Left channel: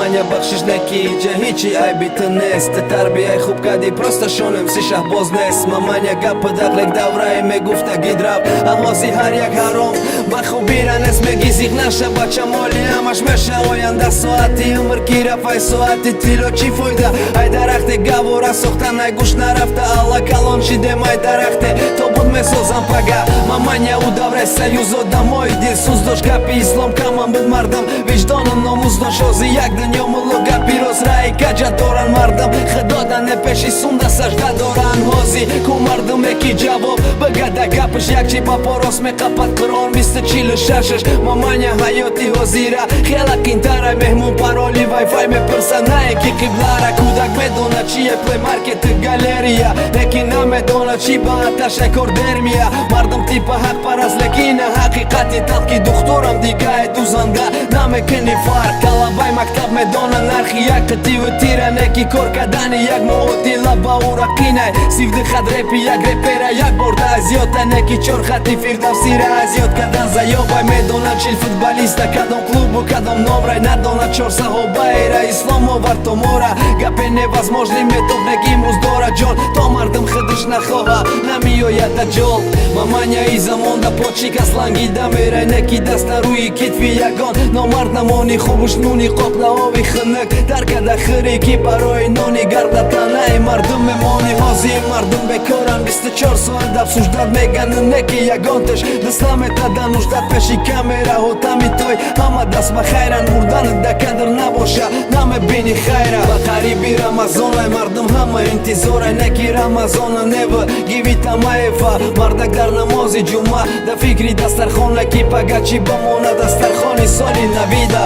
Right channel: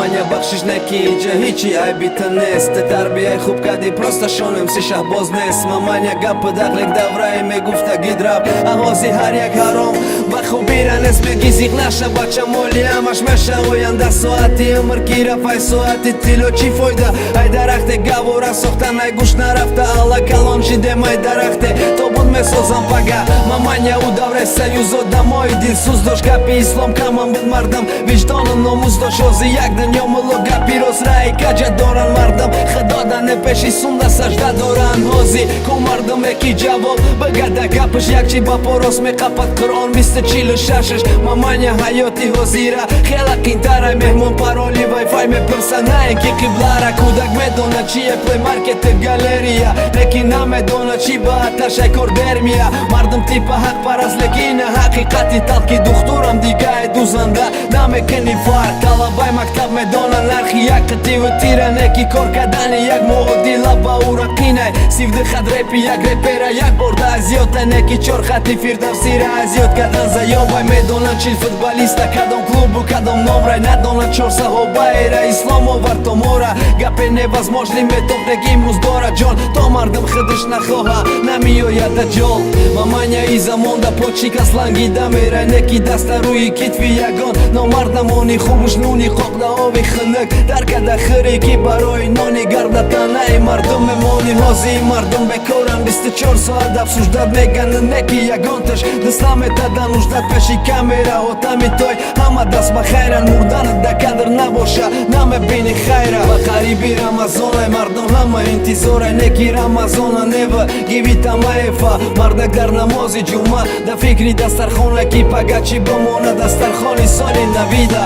маманя бахшиш неки ҷа ҳичи айбита нест тарбияи хуб кади просто шонем си шаҳбоз нест маманя гапи дақлек давраи мегуфта гидраб аҳози ҳар як ҳаром ба хубира нест меги зиқ наша бача моли ҳамаш меша оянда соати умр ки рафай соати тило чӣ фоида ай дарахте гавора сохтан ай гӯш нарафта алла калон шидем ай дарахте тобуд месозам пага маманя у давраи саюзо дамои дилсӯз дошт гапи ислом каман буд мардам виҷдону номӯз дошт ози як дунё мулло гапи рост раи каҷа доран мардам хидодане пеши сунда сажда доран ҳози ку мардуме ки ҷавоб бигада гапш якчи ба порос меқапад қуръон 246 маманя ҳаёти ҳозира хела қинтара меҳмон пароли вайфай мепирса на ки қиблара кӯдак медона чие плеймаркети галерия лекин намедона чӣ ба аташай кордермия мардум типа ҳақпараст лекин ҳақиқати талқи духтурам дигаи дузанда намекини фарқ талабаи мактаб медона нархи як қитиву тира неки кор кардани як муодила ба ура қинай сивди хадрепи як репера як борда азиёта неки чор хати фирдавсира азиёт кардан заёбай медона чил футболиста кадом клубу кадом номрай надона чор саҳобаира ислом овард то мора гапе невозможный метоп неки имрӯз дора ҷон то мардум хидиш нахоҳа намиёяд даҷол маманя и замонда почика слангида мерай неки даста рӯи китфи ягон номардамони хубуш нуни қоқда ови хунук даркада хири ки барои нони гардатанаи мардум мемони ҳози мардум бекоран 24 соат абсуждат меган неки ягонташ дастла метада нуждат пеши камераҳо тами той ҳама даст ба хайран мурданат да кадр набоша намебини хайра ба қариби рамазонай мардум ҳама интизорай неки рамазона нева гиви тамаефа мардак дар намози ҷумъа да фикри дастархон ки пагачи бомона дастархони соли навида